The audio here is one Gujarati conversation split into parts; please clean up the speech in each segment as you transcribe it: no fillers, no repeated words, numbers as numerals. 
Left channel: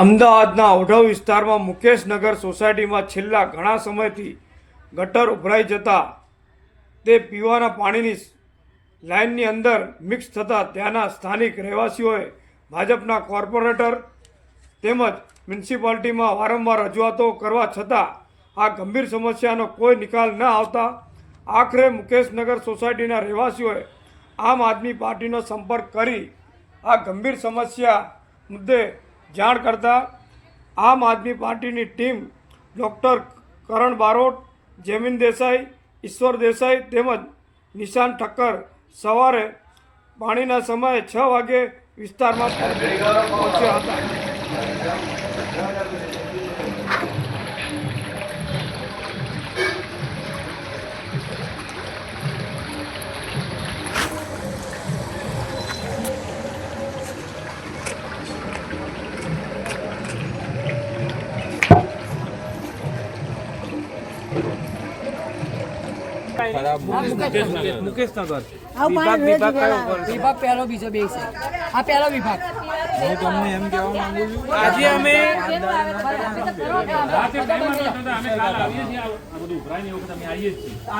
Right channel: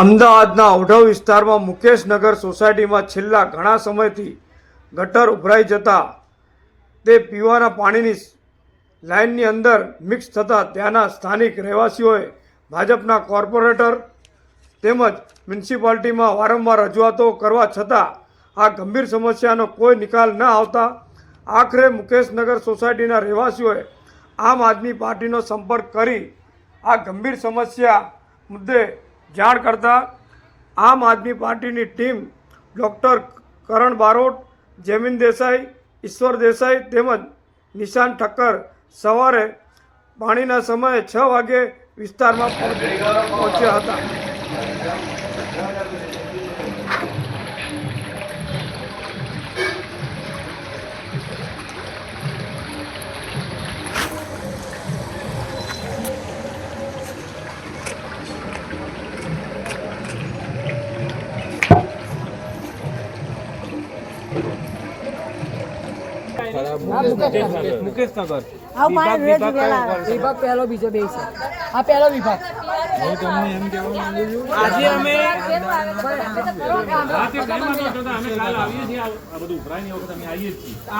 અમદાવાદના ઓઢવ વિસ્તારમાં મુકેશનગર સોસાયટીમાં છેલ્લા ઘણા સમયથી ગટર ઉભરાઈ જતા તે પીવાના પાણીની લાઇનની અંદર મિક્સ થતાં ત્યાંના સ્થાનિક રહેવાસીઓએ ભાજપના કોર્પોરેટર તેમજ મ્યુનિસિપાલિટીમાં વારંવાર રજૂઆતો કરવા છતાં આ ગંભીર સમસ્યાનો કોઈ નિકાલ ન આવતા આખરે મુકેશનગર સોસાયટીના રહેવાસીઓએ આમ આદમી પાર્ટીનો સંપર્ક કરી આ ગંભીર સમસ્યા મુદ્દે જાણ કરતા આમ આદમી પાર્ટીની ટીમ ડૉક્ટર કરણ બારોટ, જૈમિન દેસાઈ, ઈશ્વર દેસાઈ તેમજ નિશાન ઠક્કર સવારે પાણીના સમયે 6 વાગે વિસ્તારમાં પહોંચ્યા હતા। મુકેશનગર વિભાગ પહેલો બીજો બે છે આ પહેલો વિભાગ હું તમને એમ કહેવા માંગુ છું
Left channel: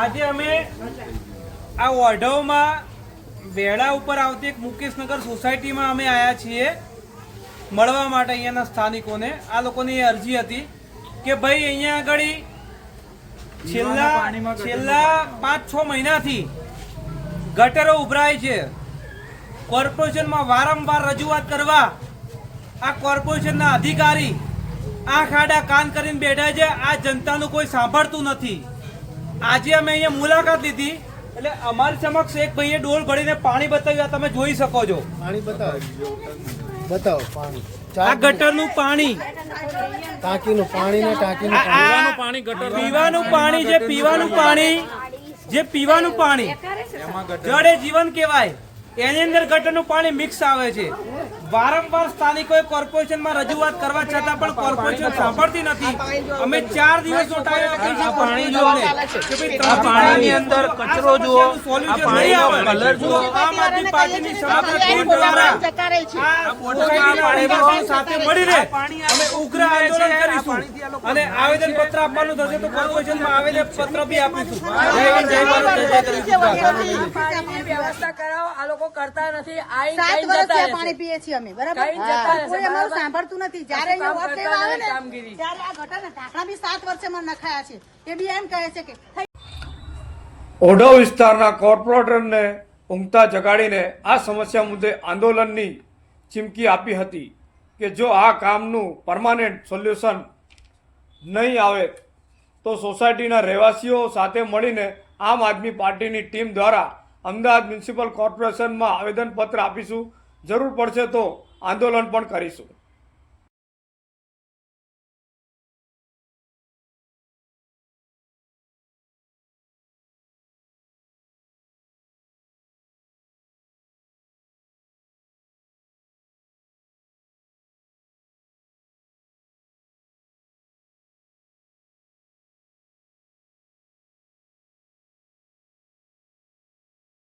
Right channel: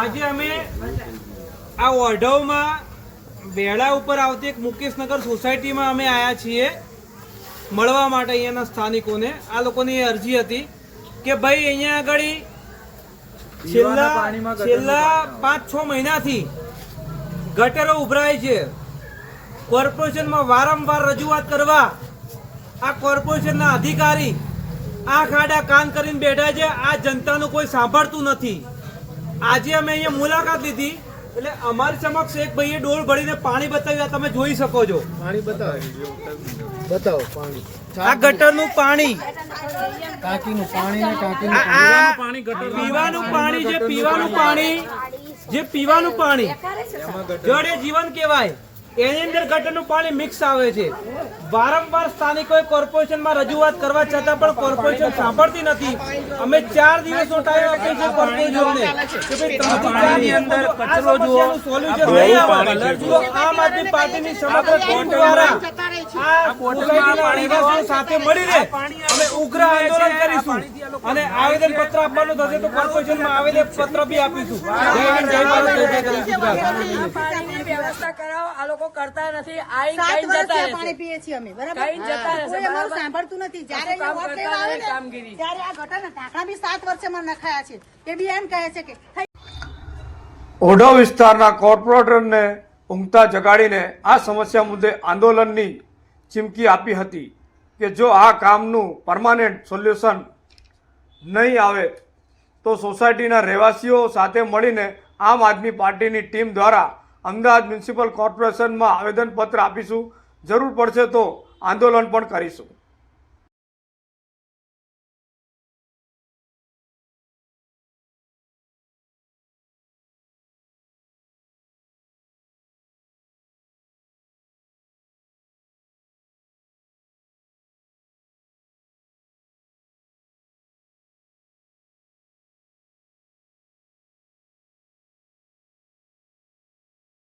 આજે અમે આ ઓઢવમાં બેડા ઉપર આવતી એક મુકેશનગર સોસાયટીમાં અમે આવ્યા છીએ મળવા માટે અહીંયાના સ્થાનિકોને। આ લોકોની અરજી હતી કે ભાઈ અહીંયા આગળ છેલ્લા 5-6 મહિનાથી ગટરો ઉભરાય છે। કોર્પોરેશનમાં વારંવાર રજૂઆત કરવા આ કોર્પોરેશનના અધિકારી આંખ આડા કાન કરીને બેઠા છે। આ જનતાનું કોઈ સાંભળતું નથી। આજે અમે અહીંયા મુલાકાત લીધી એટલે અમારી સમક્ષ એક ભાઈએ ડોલ ભરીને પાણી બતાવ્યું। તમે જોઈ શકો છો, પાણી બતાવો પાણી, આ ગટરનું પાણી, ટાંકીનું પાણી ને ટાંકીનું પાણી, પીવાનું પાણી, જે પીવાનું પાણી જળે જીવન કહેવાય, એની અંદર ગટરનું પાણી મિક્સ આવે છે। વારંવાર સ્થાનિકોએ કોર્પોરેશનમાં રજૂઆત કરવા છતાં પણ કોર્પોરેશન સાંભળતી નથી। અમે 4 દિવસ ઉઠાવ્યો પાણીની અંદર કચરો જુઓ, આ પાણીનો કલર જુઓ। આમ આદમી પાર્ટીની સમગ્ર ટીમ દ્વારા સાથે મળીને અમે ઉગ્ર આંદોલન કરીશું અને આવેદન પત્ર આપવાનું થશે તો કોર્પોરેશનમાં આવેદન પત્ર બી આપીશું। વ્યવસ્થા કરાવો, આ લોકો કરતા નથી। પાણી પીએ છીએ અમે, બરાબર, કોઈ અમારું સાંભળતું નથી। જયારે વોટ લેવા આવે ને ત્યારે આ ગટરના ઢાંકણા બી 7 વર્ષમાં નખાયા છે। એ બી એમ કહે છે કે ઓઢવ વિસ્તારના કોર્પોરેટરને ઊંઘતા જગાડીને આ સમસ્યા મુદ્દે આંદોલનની ચીમકી આપી હતી કે જો આ કામનું પરમાનન્ટ સોલ્યુશન નહીં આવે તો સોસાયટીના રહેવાસીઓ સાથે મળીને આમ આદમી પાર્ટીની ટીમ દ્વારા અમદાવાદ મ્યુનિસિપલ કોર્પોરેશનમાં આવેદનપત્ર આપીશું। જરૂર પડશે તો આંદોલન પણ કરીશું।